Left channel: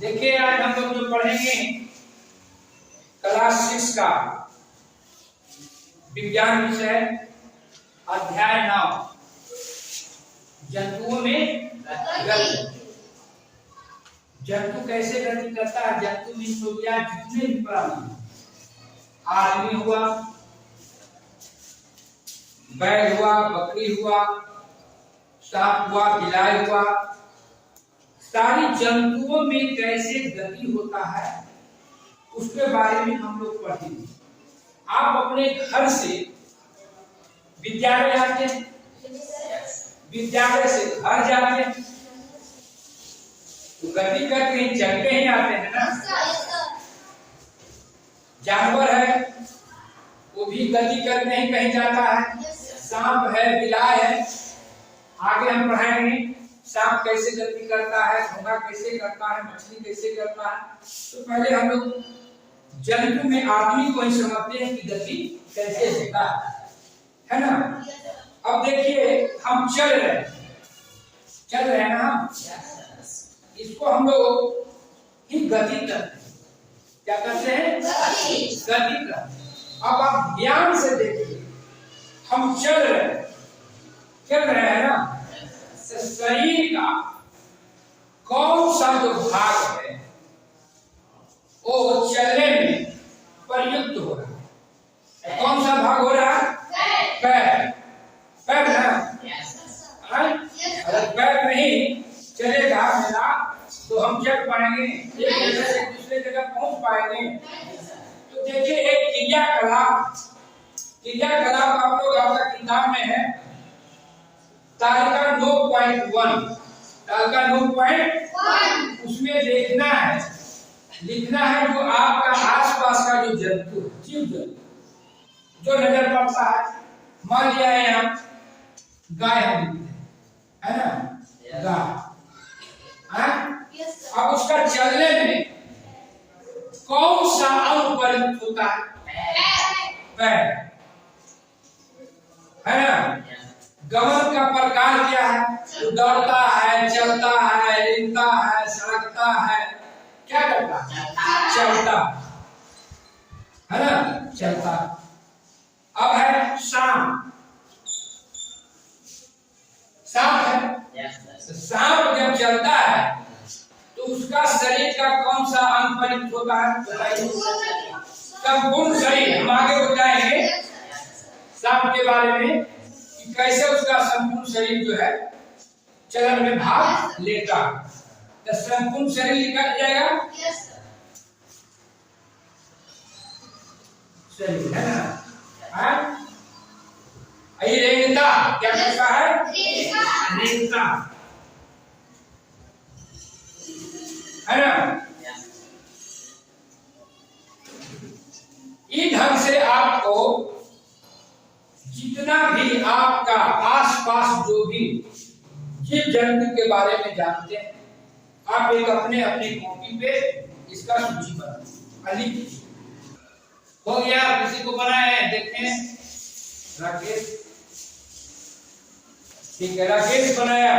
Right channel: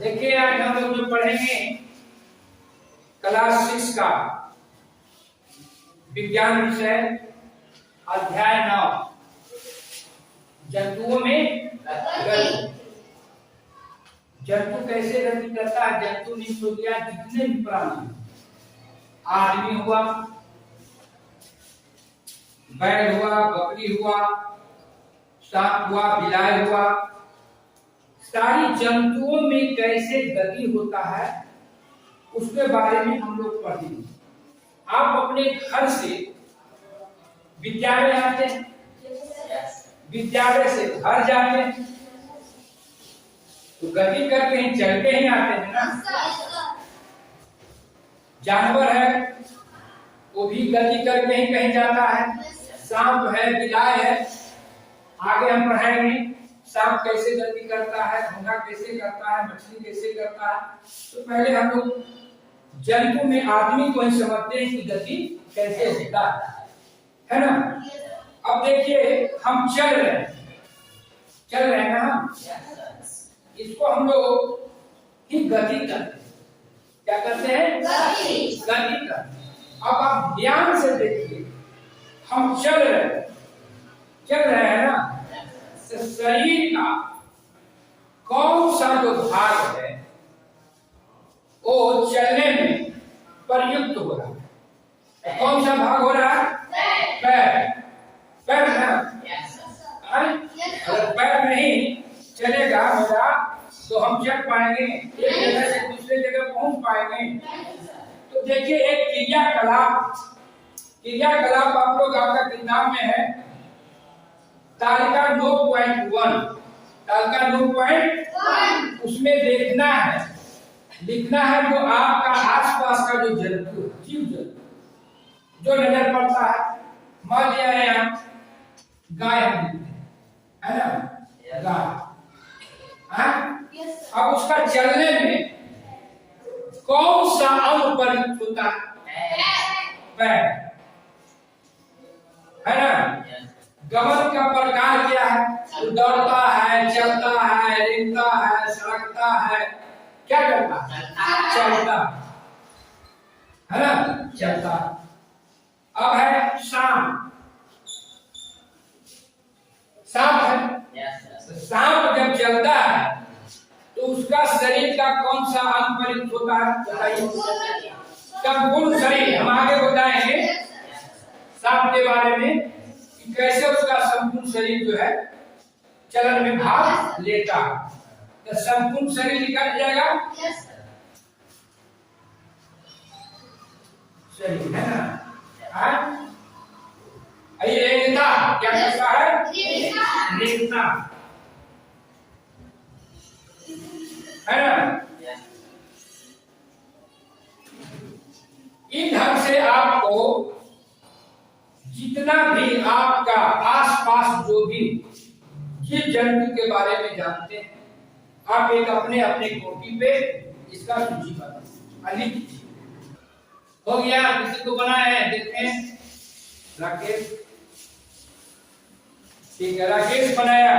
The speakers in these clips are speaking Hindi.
देखिए आज हम लोग जो पढ़ेंगे क्लास 6 का विज्ञान विषय अध्याय 9 जंतुओं में गति। जंतु कैसे गति करता है? जंतु मीन्स हो गया जितने भी प्राणी, आदमी हुआ, बैल हुआ, बकरी हुआ, सांप हुआ, बिलाई हुआ, सारी जंतुओं में कैसे गति होता है उसके बारे में हम लोग पढ़ेंगे। आप अपने घर से विद्यालय आते हैं, विद्यालय से घर जाते हैं तो गति करके ही चलते ही आते हैं ना। जानवर है वो भी गति करके ही कहीं जाता है। सांप है, बिलाई है, आगे हम पढ़ाएंगे सांप कैसे गति करता है, घोंघा कैसे करता है, मछली कैसे करता है। तो पहले हम लोग जंतु में आदमी को ही समझते हैं कि गति कैसे होता है ना। अब देखिए हम चल रहे हैं ना, हम इसको हम लोग ही गति करते हैं। क्या करते हैं? गति करते हैं। अब आप ध्यान से देखिए, हम चल रहे हैं ना, तो शरीर का कौन सा जो भाग है वो चलने में प्रयुक्त हो रहा है? कौन सा भाग हो रहा है? पैर है। अगर पैर नहीं चलेगा मेरा तो हम चल पाएंगे, एक जगह से दूसरे जगह पहुंच पाएंगे। तो देखिए एक क्रियाकलाप आप लोग आपका किताब में है, तालिका 9.1, तालिका 9.1 उसमें देखना है, लिखना है जो आपका आसपास का जो जंतु, जीव जंतु जो नजर पड़ता है। मान लिया है यहाँ गाय है ना, गाय। अब उसका चलने में कौन सा अंग प्रयुक्त होता है? पैर है ना। गमन का प्रकार क्या है? दौड़ता है, चलता है, रेंगता है, सड़कता है, क्या करता है? चलता है ना, चलता। अब है सांप है। सांप जब चलता है तो उसका शरीर का कौन सा अंग प्रयुक्त होता है? बताइए। संपूर्ण शरीर। हम आगे बताएंगे सांप के बारे में कि कैसे उसका संपूर्ण शरीर जो है चलन में भाग लेता है। तो संपूर्ण शरीर निकल जाएगा, शरीर है ना। ये रेंगता क्या करता है? रेंगता है ना। इस ढंग से आपको जितना भी आपका आसपास जो भी जीव जंतु के बारे में जानते हैं, आप एक अपने अपने कॉपी पे इसका सूची बना लिख लीजिए। हो गया? किसी को बनाए देखें? राकेश, ठीक है, राकेश बनाया।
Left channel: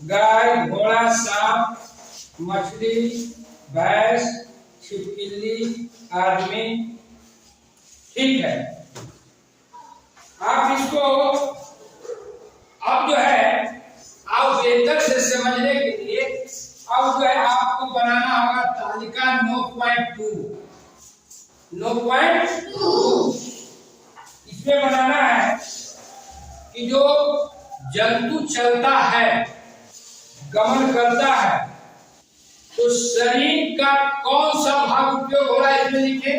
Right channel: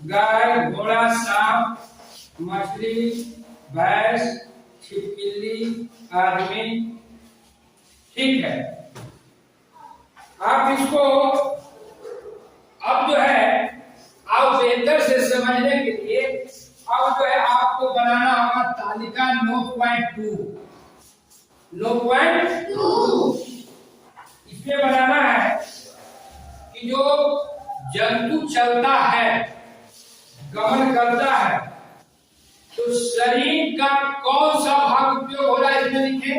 गाय, घोड़ा, सांप, मछली, भैंस, छिपकली, आदमी, ठीक है। आप इसको अब जो है आप बेहतर से समझने के लिए अब जो है आपको बनाना होगा तालिका 9.2। इसमें बनाना है कि जो जंतु चलता है, गमन करता है, तो शरीर का कौन सा भाग उपयोग हो रहा है इसमें लिखे।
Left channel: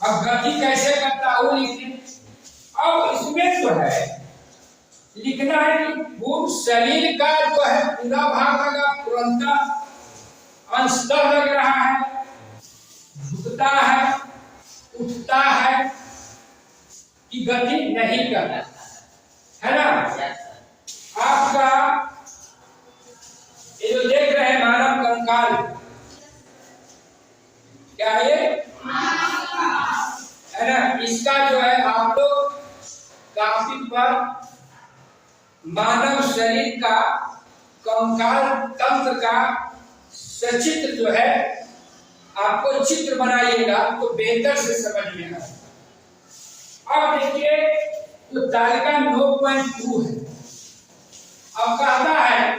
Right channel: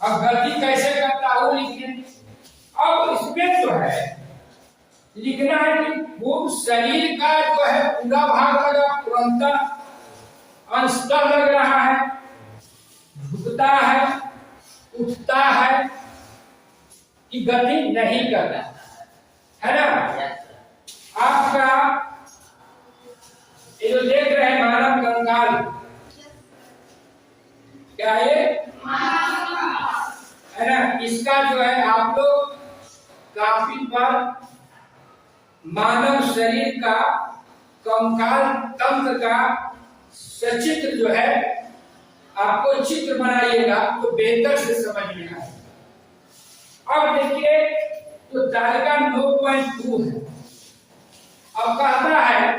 अब गति कैसे करता है वो लिखे। अब इसमें जो है लिखना है कि पूर्ण शरीर का जो है पूरा भाग लगा, तुरंत अंशतः लग रहा है, झुकता है, उठता है कि गति नहीं करता है ना। आपका ये जो देख रहे हैं मानव कंकाल, क्या है ना, इसका जो है आप लोग काफी पर मानव शरीर का कंकाल तंत्र का सचित्र जो है आपको चित्र बनाइएगा तो बेहतर से समझ में आएगा। अब देखिए तो तालिका 9.2 है। अब कहता है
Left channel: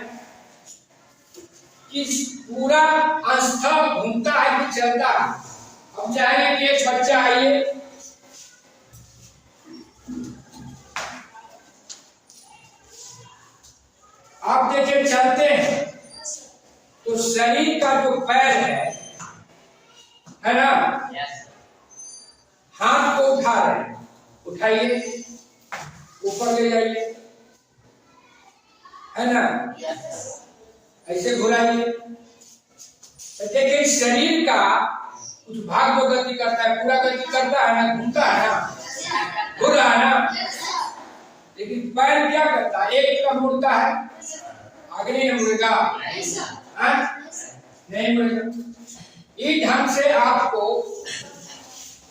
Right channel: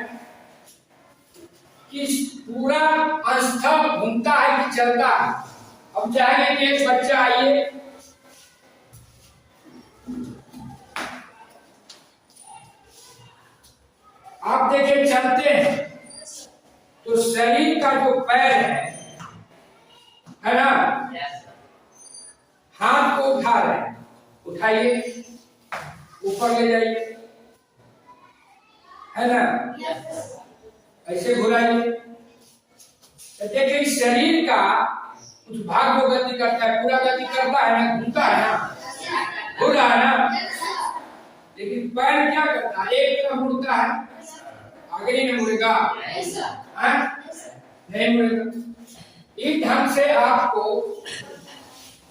कि पूरा अंस्था घूमता है कि चलता है। अब चाहेंगे कि एक बच्चा आइए, आप देखिए चलते हैं तो शरीर का जो पैर है ना, हाथ को उठा रहे हैं, उठाइए ऊपर ले जाइए, है ना, ऐसे घुराइए। तो देखिए शरीर का कुछ भाग जो गति करता है पूरा गति करता है ना, घूमता है ना, घूर रहा है ना, लेकिन पैर क्या करता है, एक तरफ मुड़ता है, आगे नहीं मुड़ेगा, नहीं मुड़ेगा। इस ढंग से आपको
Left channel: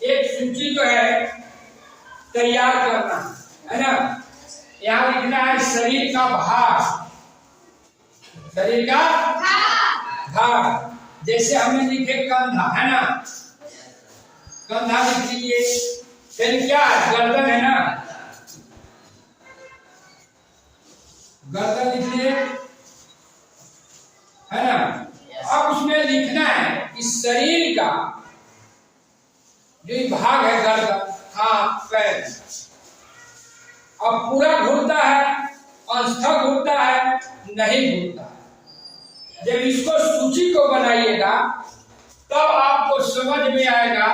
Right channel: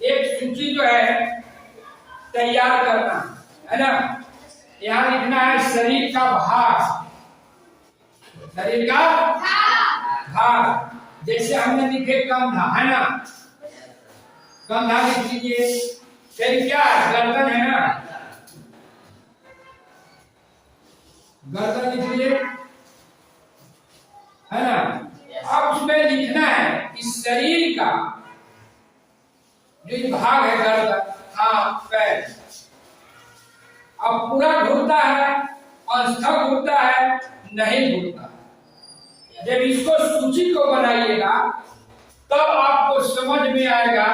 एक सूची जो है तैयार करना है ना। यहाँ लिखना है शरीर का भाग, शरीर का भाग। जैसे हमने लिखे कंधा, है ना, कंधा लिख लीजिए। फिर क्या है, गर्दन है ना, गर्दन लिख लीजिए, है ना। अब उसमें लिखना है कि शरीर का जो भाग है गर्दन, हाथ, पैर, अब पूरा घूमता है, अंस्था घूमता है, नहीं घूमता है। जब इसको सूची को बनाइएगा तब आपको समझ में आएगा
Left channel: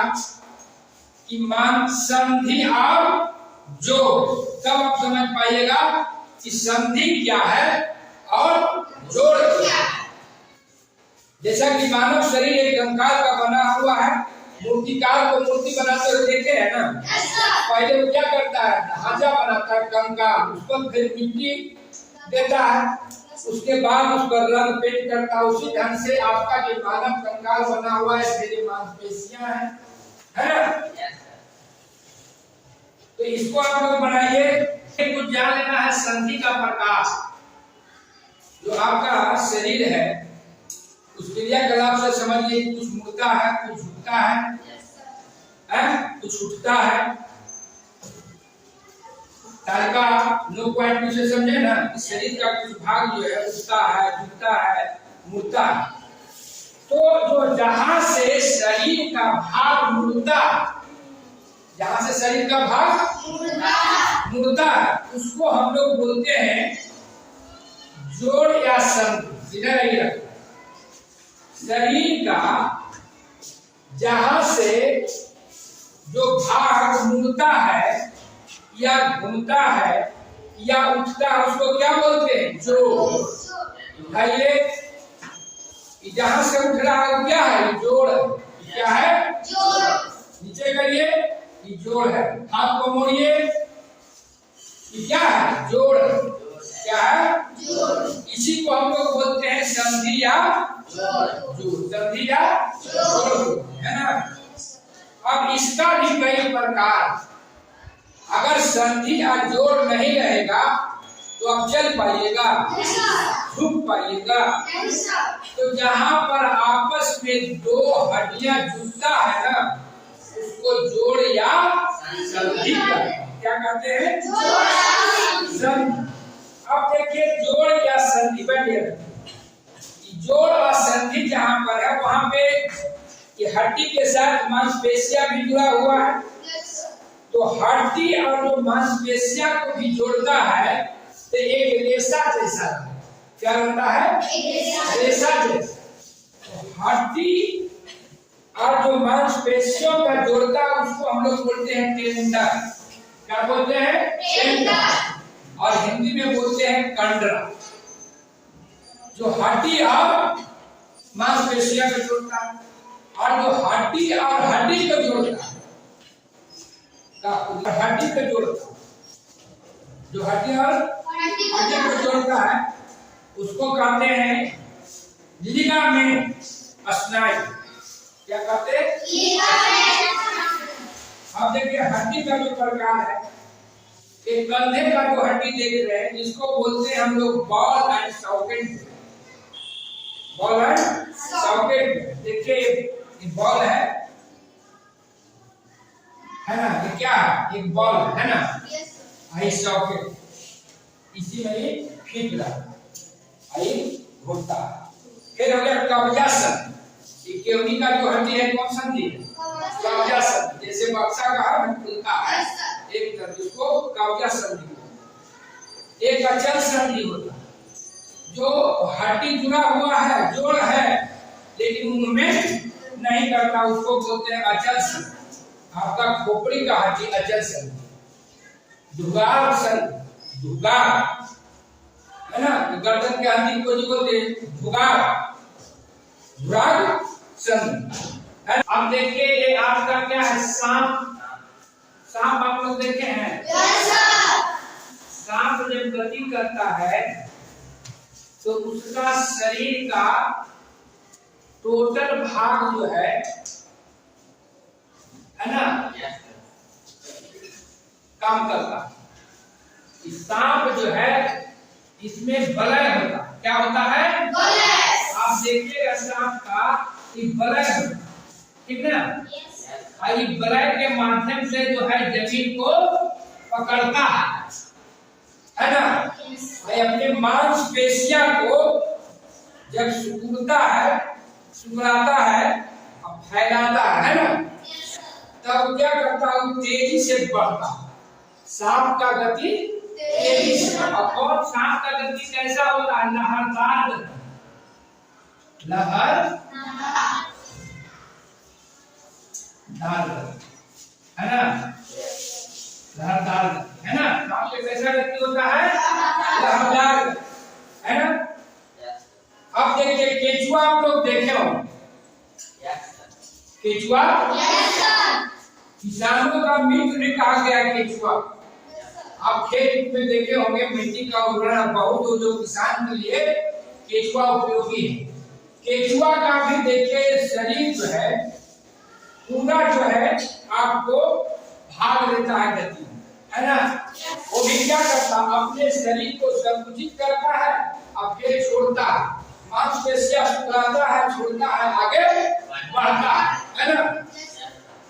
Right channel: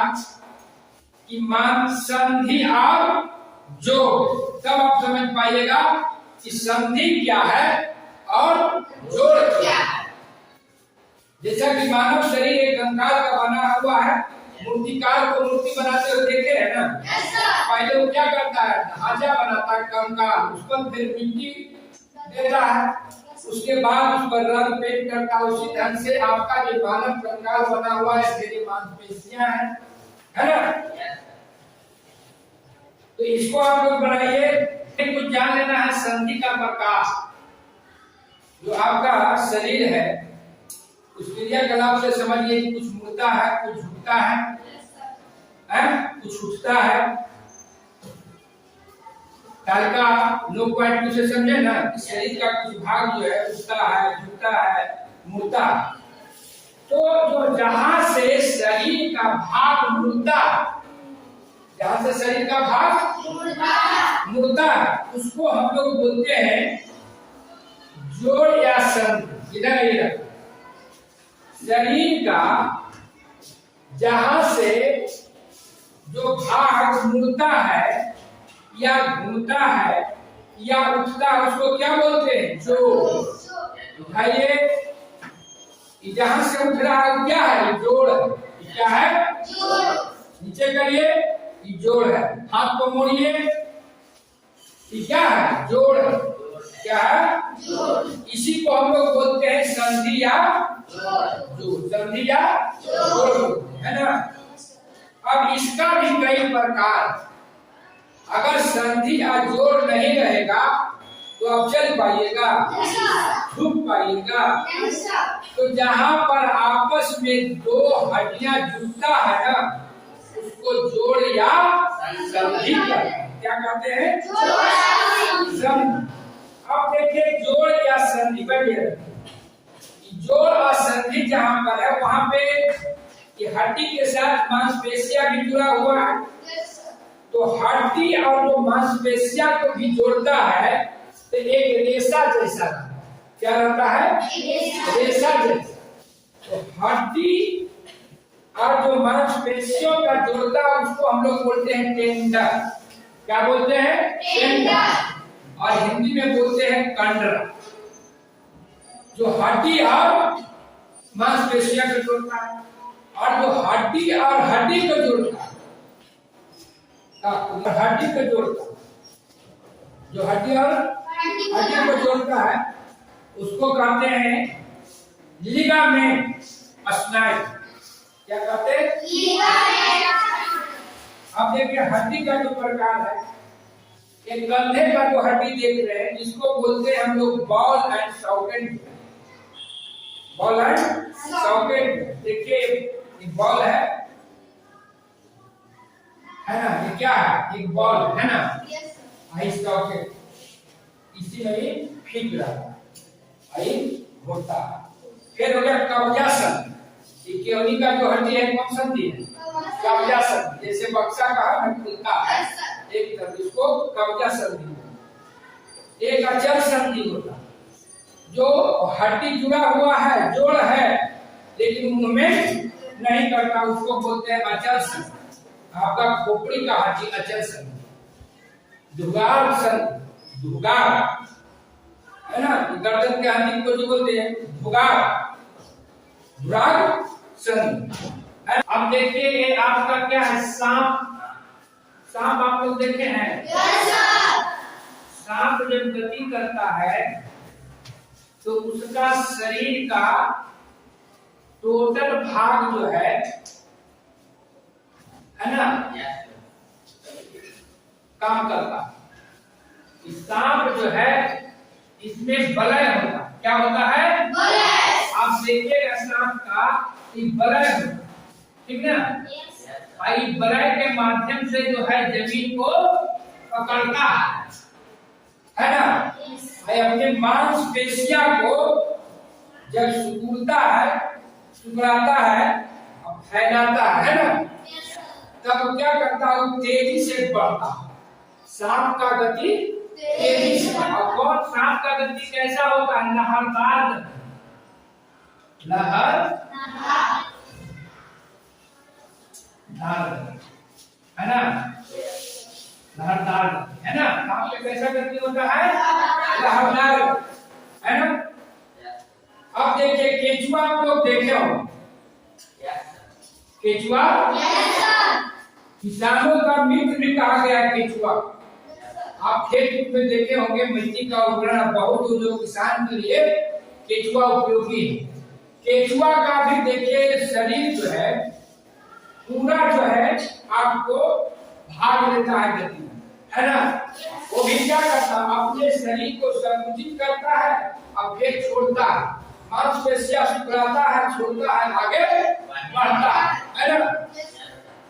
कि मान संधि और जोड़, तब आप समझ पाइएगा कि संधि क्या है और जोड़ क्या है। जैसा कि मानव शरीर एक कंकाल का बना हुआ है, मूर्तिकार को मूर्ति बनाते हुए देखे है ना, पहले वो क्या करता है, ढांचा बनाता है कंकाल, उस पर फिर मिट्टी देता है, उसके बाद उस पर रंग पेंट करता है। उसी ढंग से आपका जो मानव कंकाल बना हुआ है, तेरी मांसपेशियां हैं, है ना। तो इसको आप लोग बनाइए। कुछ जान लेना है संधि का प्रकार। जो आपका शरीर है उस क्रियाकलाप से समझिए, कुछ मुड़ता है, कुछ झुकता है, कुछ उठता है। तालिका 9.2 से समझे ना, शरीर का कुछ भाग जो है उठता है, झुकता है, मुड़ता है। तो जो जहां से शरीर का भाग मुड़ता, जहां से शरीर का भाग मुड़ता है, उसको हम लोग बोलते हैं जोड़ या संधि। इधर आइए, शरीर का जहां से जो भाग मुड़ता है या घूमता है या उठता है, उसको क्या बोलते हैं, जोड़। उठाइए, जहां से उठ रहा है क्या है, जोड़ है। क्या है, जोड़। नीचे करिए, ये जोड़ है। हाथ को मोड़िए, ये क्या है, जोड़ है। क्या है, जोड़। इसी को हम लोग बोलते हैं संधि या जोड़, संधि या जोड़, है ना। अब इसका भी कई प्रकार, अगर संधि या जोड़ नहीं रहेगा तो आप चल पाइएगा, झुक पाइएगा। तो जहां पर आपस में दो हड्डियां जुड़ता है ना, उसको जोड़ या संधि कहते हैं। क्या कहते हैं, संधि। अब देखिए जोड़ या संधि, जोड़ और संधि जहां पर है वहां पे ये हड्डी के साथ मांसपेशियां भी जुड़ा हुआ है। तो हड्डी और जो मांसपेशियां को भी जोड़ता है तो एक रेशा जैसा, क्या रहता है, रेशा जैसा। तो हड्डी और जो मांसपेशियों का जोड़ता है उसको हम लोग बोलते हैं टेंडर। क्या बोलते हैं, टेंडर। और हिंदी में बोलते हैं कंडरा। जो हड्डी और मांसपेशियां को जोड़ता है, और जो हड्डी और हड्डी को जोड़ता है, हड्डी को जोड़ता है, जो हड्डी और हड्डी को जोड़ता है उसको कहते हैं लिगामेंट स्नायु। क्या कहते हैं, लिगामेंट। अब देखिए हड्डी का जो प्रकार है, एक कंधे का जो हड्डी देख रहे हैं जिसको बोलते हैं हम लोग ball and socket. Ball and socket, देखिए ये बॉल है ना, ये क्या है, एक बॉल है ना, आई सॉकेट, इसी में ये फिट रहा है, आई घूमता है। फिर हो गया कब्जासन, ये केवनी का जो हड्डी है कौन संधि है, कब्जासन, जैसे बक्सा का है खुलता है एक तरफ, इसको कब्जा संधि। एक अचल संधि होता है, जो हड्डी जुड़ा हुआ है, जोड़ है लेकिन मूवमेंट नहीं करता, उसको बोलते हैं अचल संधि। आपका खोपड़ी का हड्डी अचल संधि। धुगार संधि, धुगार है ना, गर्दन के हड्डी को जो बोलते हैं धुगार, धुराग संधि। अब देखिए ये आपका क्या है, सांप। सांप आप लोग देखे हैं? सांप जब गति करता है तो उसका शरीर का टोटल भाग जो है ना, काम करता है। सांप जो है इसमें वलय होता, क्या होता है, वलय। आप देखिएगा सांप का वलय होता, ठीक ना, आई वलय के माध्यम से जो है जमीन को पकड़ता है ना, अपने मांसपेशियों को जब सिकुड़ता है, सिकुड़ाता है, फैलाता है ना, तब क्या करता है, तेजी से बढ़ता है। सांप का गति तेजी से, और कौन सांप का गति कैसा होता है, लहरदार गति, लहरदार है ना, लहरदार है ना, सांप का कैसा गति होता है, लहरदार है ना। अब देखिए केचुआ, आप लोग देखे हो केचुआ, किसानों का मित्र भी कहा गया केचुआ। आप खेत में देखे होंगे मिट्टी का उर्वरक बहुत, जो किसान के लिए केचुआ उपयोगी है। केचुआ का भी देखिए शरीर जो है पूरा जो है आपको भाग लेता है गति, है ना। वो भी क्या करता है, अपने शरीर को संकुचित करता है और फिर छोड़ता है, मांसपेशियां सिकुड़ाता है, छोड़ता है, आगे बढ़ता है ना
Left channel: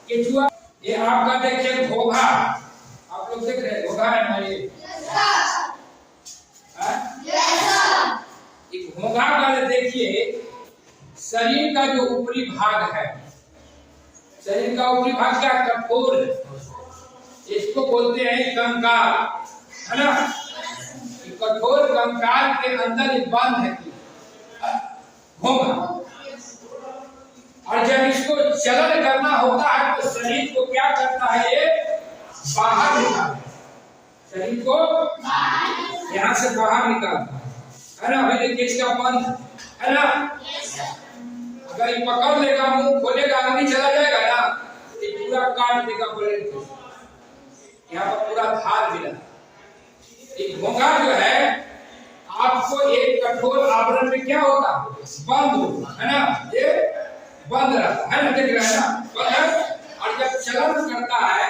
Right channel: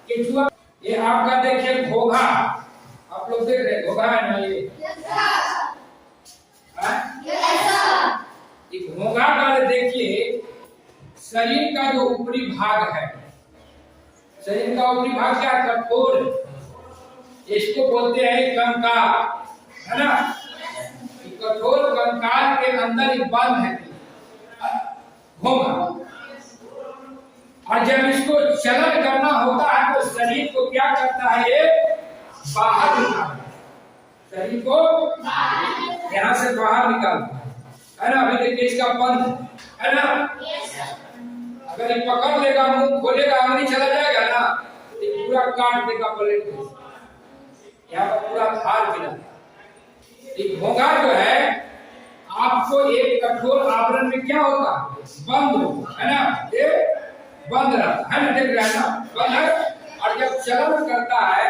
केचुआ। ये आपका देखिए घोघा, आप लोग देख रहे हैं घोघा है ना, ये घोघा का देखिए शरीर का जो ऊपरी भाग है, शरीर का ऊपरी भाग क्या, कठोर, इसको बोलते हैं कंकाल, है ना। कठोर कंकाल के अंदर एक बंद है घोघा, और जब इसको चलन करना होता है तो शरीर को क्या करता है, ये बाहर निकालता है, शरीर को यहाँ से बाहर निकालता है ना। अभी देखिए इसका बंद है ना, अगर ये पकड़ लेगा, मुंह खोलेगा, अंगली चला जाएगा ना, ये पूरा काट देगा ब्लेड को, यहाँ पर पूरा धार गिरा। घोंघा जो है आपको एक कठोर आवरण में क्या होता है, बंद होता है ना, ये बंद रहता है ना, देख रहे हैं ना, बंद है। और जब चलन करता है,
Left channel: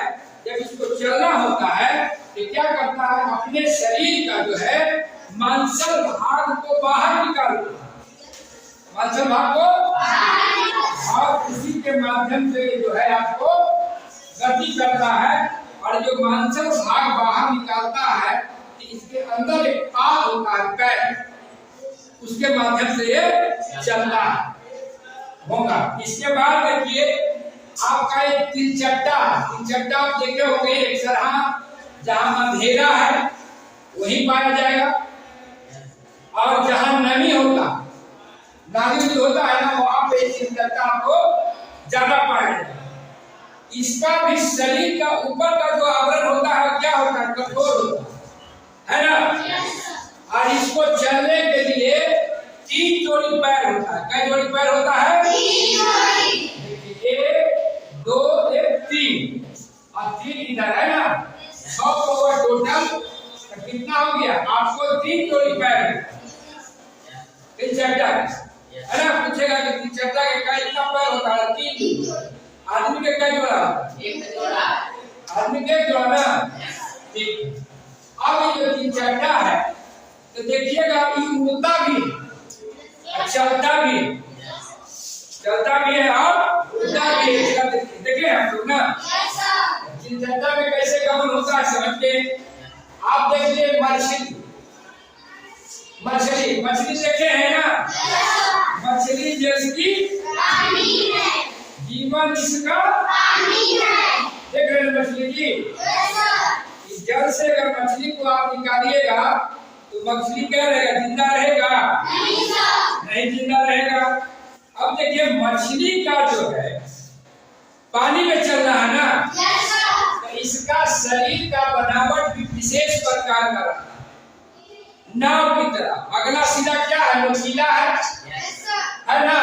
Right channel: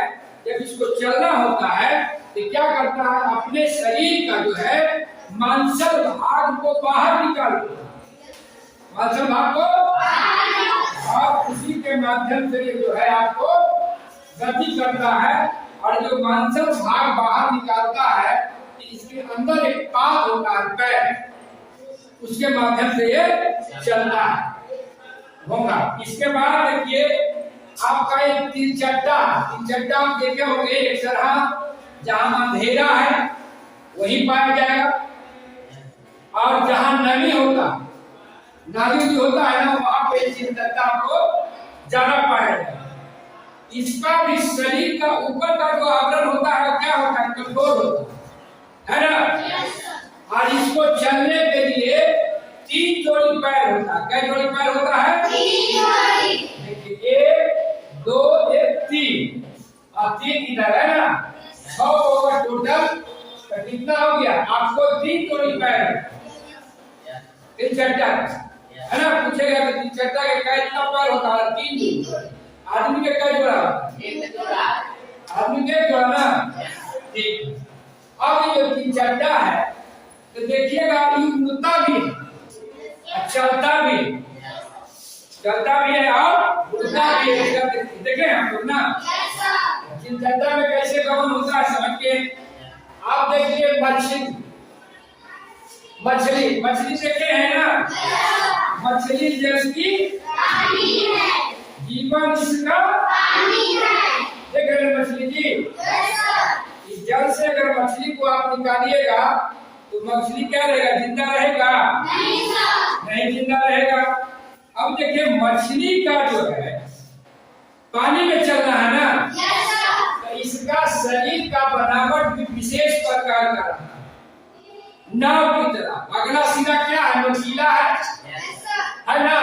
जब इसको चलना होता है तो क्या करता है, अपने शरीर का जो है मांसल भाग को बाहर निकालता है, मांसल भाग को, और उसी के माध्यम से जो है आपको गति करता है। और जो मांसल भाग बाहर निकालता है, इसके अंदर एक पाद होता है, पैर, उसके माध्यम से ये चलता है घोंघा। इसके बाद देखिए आपका एक तिलचट्टा, तिलचट्टा आप देखे होंगे, एक तरह जहां अंधेरा है वहीं पाया जाएगा, और जहां नमी होता, नाली होता है ना, वहां पे तिलचट्टा आपको ज्यादा पाया जाएगा। इसका भी शरीर का ऊपर का जो आवरण होता है क्या होता है, कठोर होता है ना। और इसको चलने के लिए 3 जोड़ी पैर होता है। क्या जोड़ी पैर होता है, 3 जोड़ी। देखिए 1 2 1 3, और 3 इधर है ना, 6 होगा टोटल, तो कितना हो गया, आपको 3 जोड़ी पैर है। तिलचट्टा है ना, पूछेगा कि तिलचट्टा के कितना पैर होता है, 3। आदमी के क्या जोड़ा, 1 जोड़ा, आदमी के जोड़ा ना, ठीक। अब ये जो दिनचर्या है तो देखिएगा ये उड़ता भी है, चलता भी है और उड़ता भी है। इसका देखें हम लोग ना दिनचर्या में कैसे गमन होता है समझ के। आप देखिए मछली देखे हैं ना, मछली जल की जीवन इसका देख रहे हैं मछली जी। इस जल से अगर मछली को आप निकालिएगा तो मछली क्या रहेगा, जिंदा रहेगा? नहीं जिंदा रहेगा। अब देखिए मछली का जो है पानी में चल रहा है ना, तो इसका शरीर का बनावट भी विशेष प्रकार का रहता है, नाव की तरह। अगला सीधा क्या है, नुकीला है ना।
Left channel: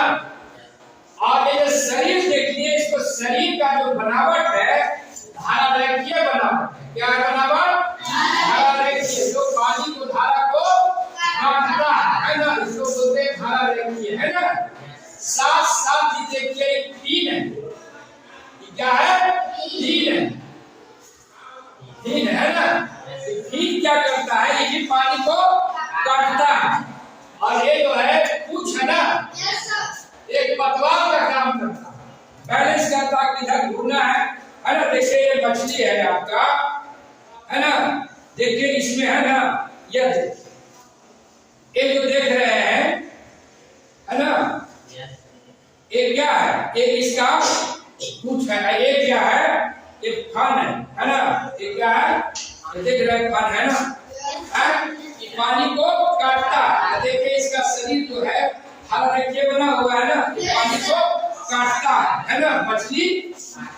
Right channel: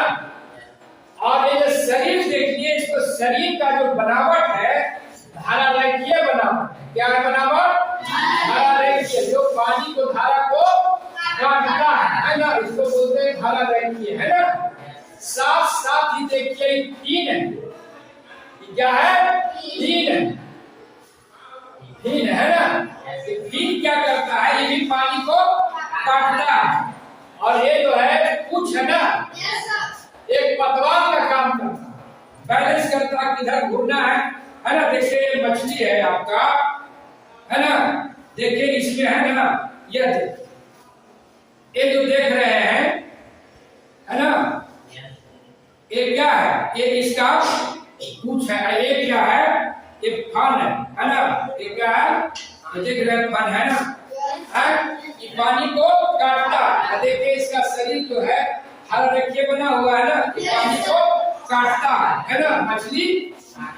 और ये जो शरीर देखिए, इसको शरीर का जो बनावट है धारारेखीय बनावट है। क्या है बनावट? धारारेखीय। जो पानी को धारा को काटता है ना, इसको बोलते हैं धारारेखीय, है ना। साथ साथ ही देखिए तीन है, क्या है? तीन है ना। तीन क्या करता है, ये भी पानी को काटता है। और ये जो है कुछ है ना, एक पतवार का काम करता है, बैलेंस करता है किधर घूरना है ना। देखिए ये मछली है आपका, है ना। देखिए इसमें है ना, ये जो देख रहे हैं, है ना, ये क्या है? ये इसका कुछ है। ये क्या है? ये फन है ना। ये क्या है? ये देख रहे हैं फन है ना, ये पानी को काटता है। देखिए इसका शरीर जो है धारारेखीय बना हुआ है ना, ये पानी को काटता है ना मछली।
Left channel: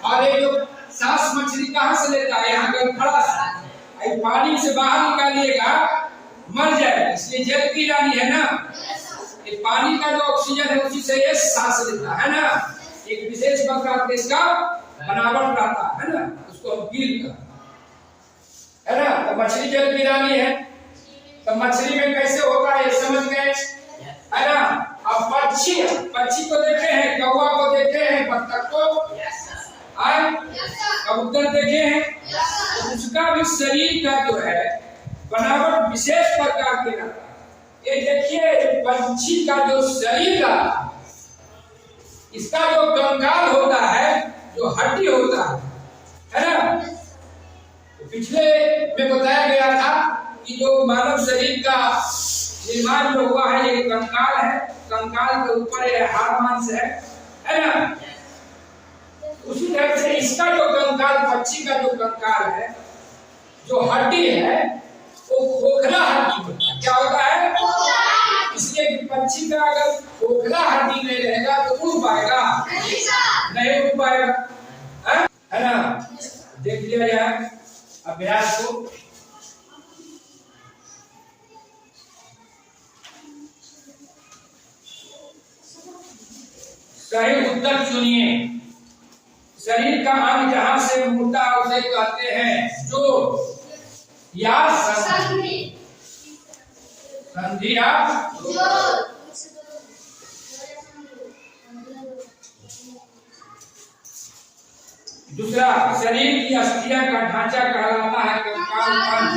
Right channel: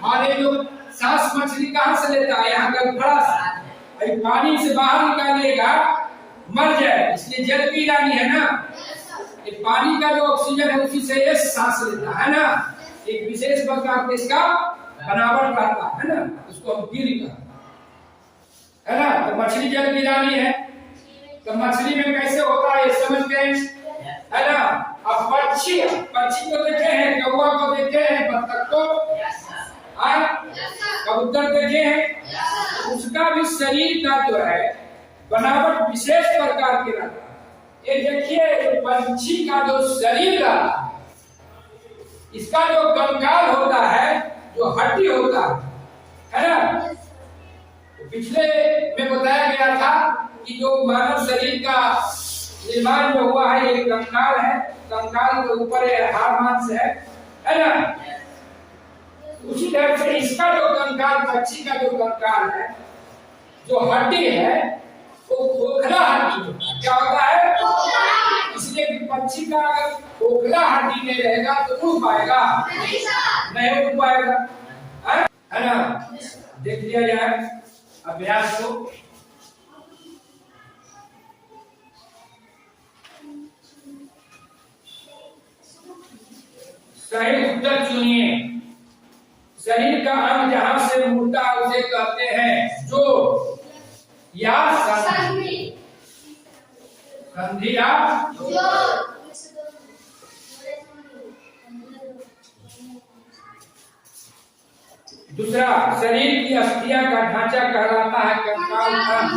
और ये जो सांस मछली कहाँ से लेता है? यहाँ गलफड़ा से। पानी से बाहर निकालिएगा मर जाए, इसलिए जल पी रानी है ना। ये पानी का जो ऑक्सीजन है उसी से ये सांस लेता है ना। एक विशेष प्रकार का इसका बनावट रहता है ना, उसको हम गिल कहते हैं, है ना। तो मछली जल पी रानी है, तो मछली में कैसे होता है ये समझते हैं, है ना। अब पक्षी को देखे हैं, कौवा को देखे हैं, बत्तख को, कबूतर देखे हैं, तो उसका भी शरीर का जो है बनावट विशेष प्रकार के रहता है। ये देखिए पंछी का जो शरीर रहा, इसका जो कंकाल होता है, जो हड्डी होता है ना। तो पिछले में बताया गया था कि जो मानव शरीर का निर्माण जो हुआ है ये कंकाल है, कंकाल के ऊपर ये हाड़ मांस है ना। उसी तरह से इसका जो कंकाल, पक्षी का जो कंकाल है, जो हड्डी है, वो खोखला हड्डी होता है। क्या होता है? इसलिए पक्षी का अगर खोखला हड्डी नहीं रहेगा तो उड़ पाएगा? नहीं उड़ पाएगा, है ना। देख लिया जाए अभ्यास को। सही उत्तर चुनिए। शरीर का अंग जहां से मुड़ता है उसे कहते हैं जो या संधि या दूसरा शरीर की अस्थियां का ढांचा कहलाता है कंकाल खंड।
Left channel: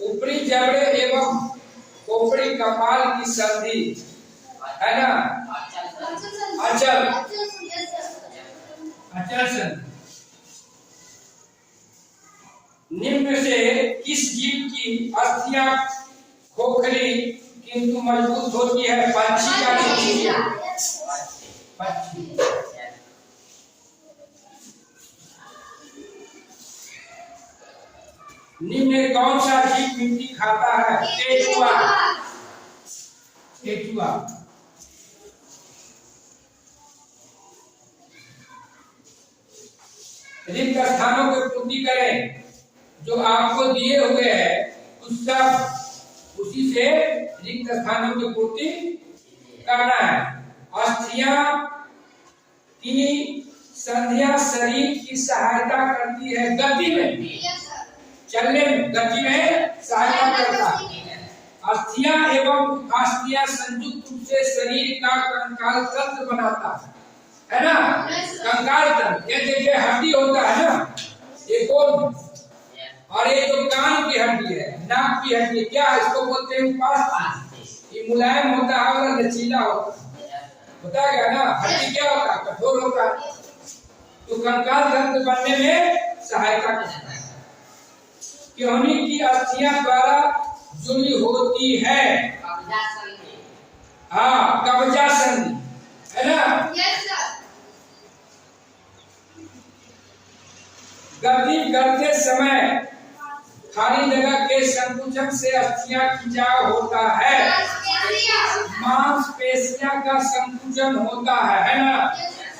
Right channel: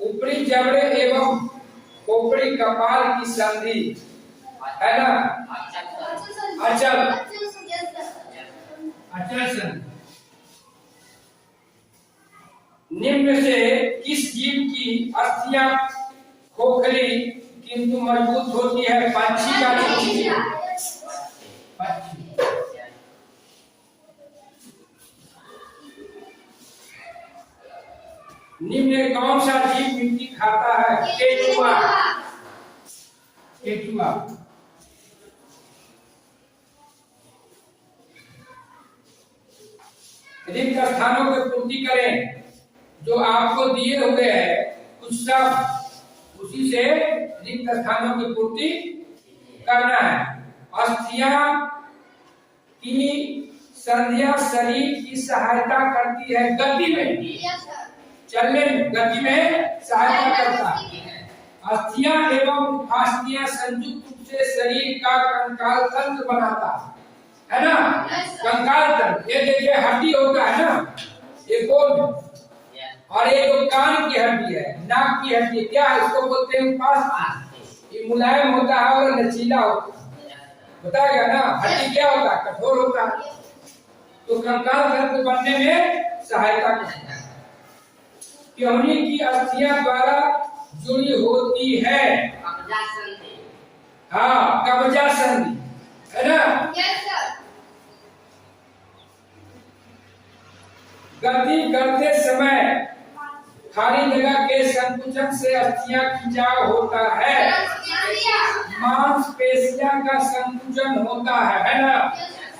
ऊपरी जबड़े एवं खोपड़ी कपाल की संधि, है ना। अचल संधि। निम्न से किस जीव की अस्थियां खोखली किंतु मजबूत होती है? पंछी का पक्षी। निम्न में कौन सा जीव मिट्टी खाता है? केचुआ। रिक्त स्थानों की पूर्ति करें। जो आपको दिए हुए हैं कुछ सब, उसी से रिक्त स्थानों की पूर्ति करना है। अस्थियां की संधियां शरीर की सहायता करती है गति में, चलने में, गति में सहायता करता है। अस्थियां एवं उपास्थियां संयुक्त रूप से शरीर का कंकाल तंत्र बनाता है ना। कंकाल तंत्र, ये देखिए हड्डी होता है ना, ये बोन, और ये जो कान की हड्डी है, नाक की हड्डी, क्या है इसको बोलते हैं उपास्थि। ये मुलायम होता है और लचीला होता है, बताया गया ना। हड्डी क्या होता है, कठोर होता है, तो कंकाल तंत्र बनने में सहायता करता है। क्योंकि की अस्थियां द्वारा जुड़ी होती है। कब्जा संधि, हाँ कब्जा संधि है ना। गति करते समय खाली जगह के संकुचन से अस्थियां खिंचाव होता है, मांसपेशियां का संकुचन होता है ना।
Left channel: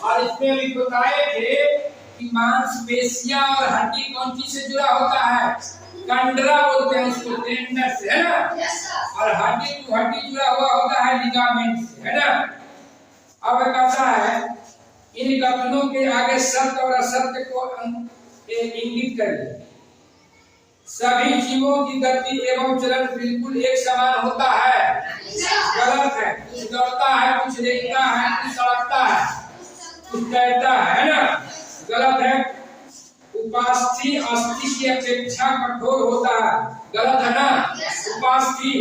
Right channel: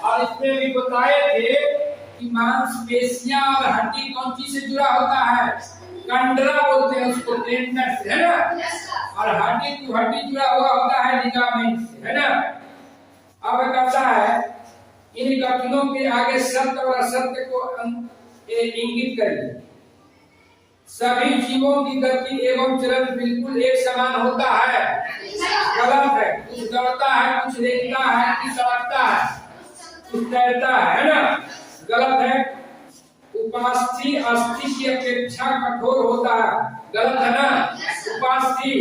और इसमें भी बताए थे कि मांसपेशियां और हड्डी कौन चीज से जुड़ा होता है, कंडरा बोलते हैं उसको, टेंडर से, है ना। और हड्डी टू हड्डी जुड़ा हुआ होता है लिगामेंट से, है ना। अब कहता है इन कथनों के आगे सत्य और असत्य को इंगित करिए। सभी जीवों की गति एवं चलन बिल्कुल एक समान होता है, गलत है। कुछ दौड़ता है, कुछ रेंगता है, कुछ सड़कता है, कुछ तैरता है ना, गलत है। उपास्थि अस्थि की अपेक्षा कठोर होता है, गलत है ना। उपास्थि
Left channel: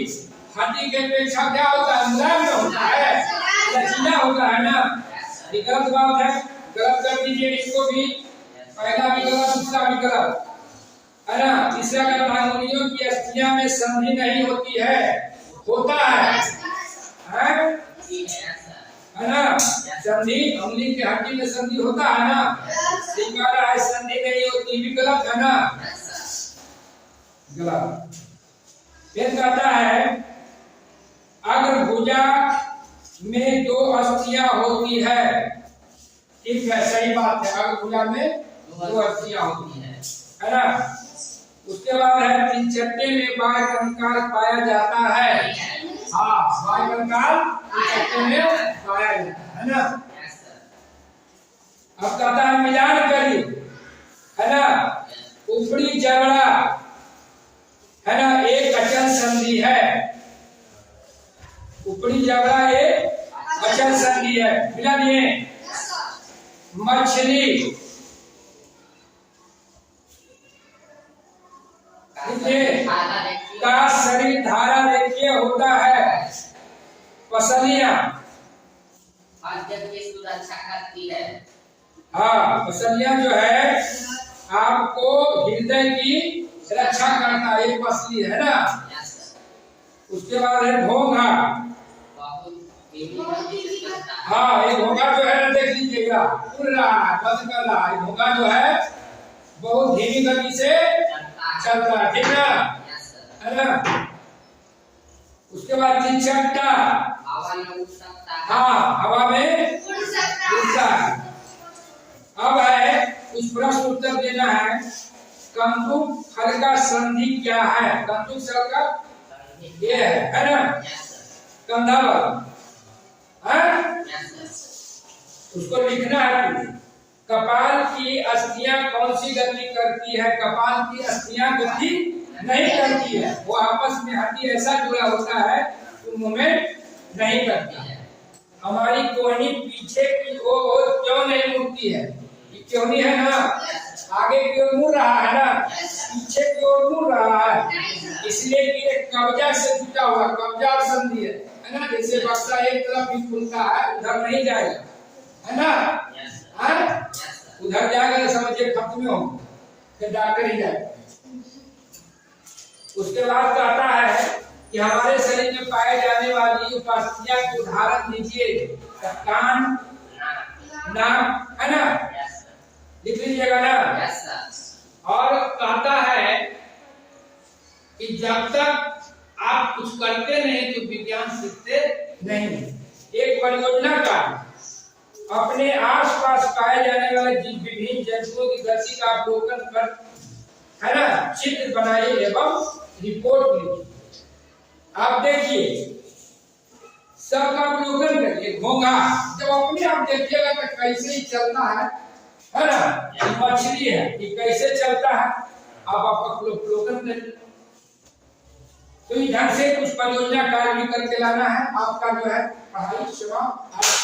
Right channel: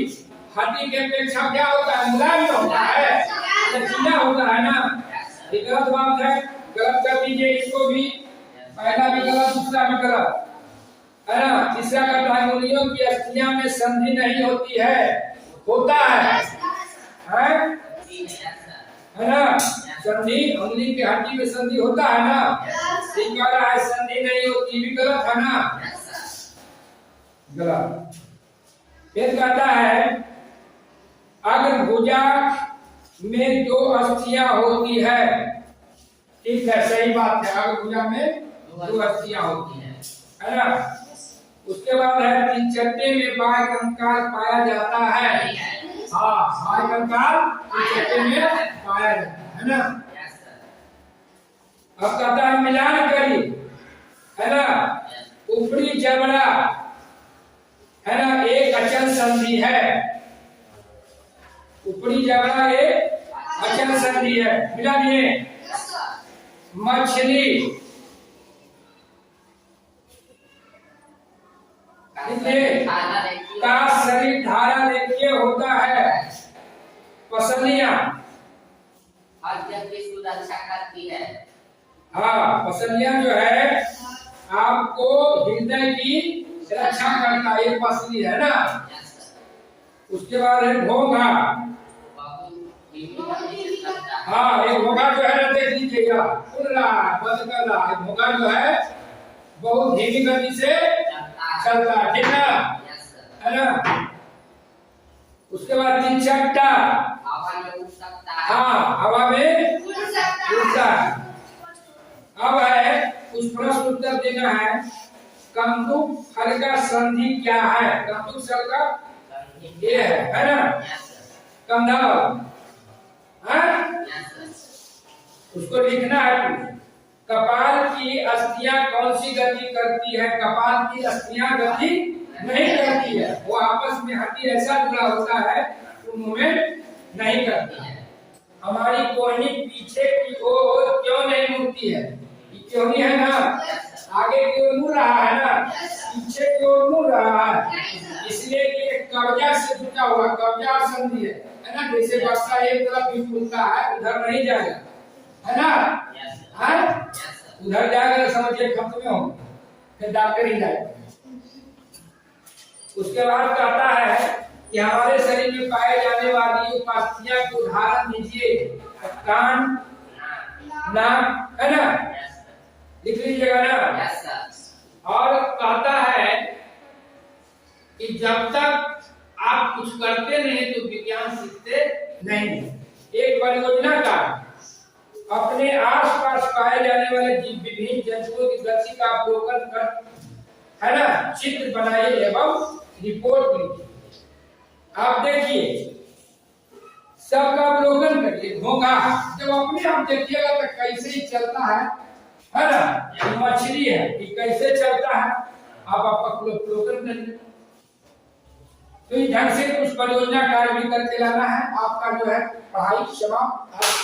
हड्डी की अपेक्षा क्या होता है, मुलायम होता है, लचीला होता है ना। ये गलत बात है, गलत कर दीजिए इसको भी, पहला भी गलत, दूसरा भी गलत, है ना। तीसरा का अंगुलियों की अस्थियां में संधि नहीं होती है, होता है ना। संधि अंगुली की हड्डी में संधि होता है ना, ठीक कह रहा है, संधि नहीं होती, भी गलत है ना, गलत। फिर कहता है अग्र भुजा में दो अस्थियां होती है, ठीक है, सही बात है, अग्र भुजा में दो अस्थियां होती है ना। उसके बाद है तिलचट्टे में बाह्य कंकाल पाया जाता है, हाँ बाह्य कंकाल तिलचट्टे में पाया जाता है ना। अब कहता है मिलान करिए, है ना। ऊपरी जबड़ा है ना, एक अचल संधि है, ऊपरी जबड़ा एक अचल संधि है, मिला दिए। मछली का शरीर धारा रेखीय होता है, पसलियां की सुरक्षा करती है, हाँ पसलियां जो है आपको हृदय की रक्षा करता है, एक पसली है ना। उसके बाद है घोंघा, हाँ एक घोंघा जो है ना, देख लीजिएगा उड़ रहा है, बंद कर रहा है, घोंघा जो है बहुत धीमी गति से चलता है, ठीक ना, है ना। उसके बाद तिलचट्टा, हवा में उड़ सकता है, हाँ हवा में उड़ता है। अब है उस प्रश्न उत्तर देना है, कंदुक फल का संधि क्या है। कंदुक फल का ये है ना, कंधा वाला, उसको लिखना है। कपाल की अस्थियां कौन सी गति करती है, कपाल की अस्थियां गति नहीं करती है, वो आपस में हड्डी ऐसा जुड़ा होता है तो मूवमेंट नहीं करती है। हमारी कोहनी पीछे की ओर क्यों नहीं मुड़ती है, क्योंकि है ना, आगे की ओर मुड़ रहा है ना, पीछे की ओर मुड़ रहा है, इसलिए कि एक कब्जा से जुटा हुआ, कब्जा और संधि है ना। जैसे बक्सा एक तरफ ही खुलता है, उधर नहीं जाएगा, है ना, उधर जाएगा तो समझिए खत्म में होगा, फिर डॉक्टर ही जाएगा। उसके बाद कहता है कि हमारे शरीर में पाए जाने वाली उपास्थियां को उदाहरण दीजिए। कान, नाक, है ना, लिख लीजिएगा ना। और कहता है कि जब तक आप कुछ करते नहीं तो विज्ञान सीखते नहीं। एक परियोजना का अपने आसपास पाए जाने वाले विभिन्न जंतुओं की गति का अवलोकन कर, है ना, चित्र बनाइए एवं रिपोर्ट लिखिए। आप देखिए, सबका अवलोकन करिए। घोंघा जब अपने आप देखिएगा तो कैसे ही चलता है ना, मछली है ये कैसे चलता है, आप अवलोकन करिए। तो इस ढंग से कुछ परियोजना कार्य भी करके लाना है। आपका जो है पढ़ाई समाप्त।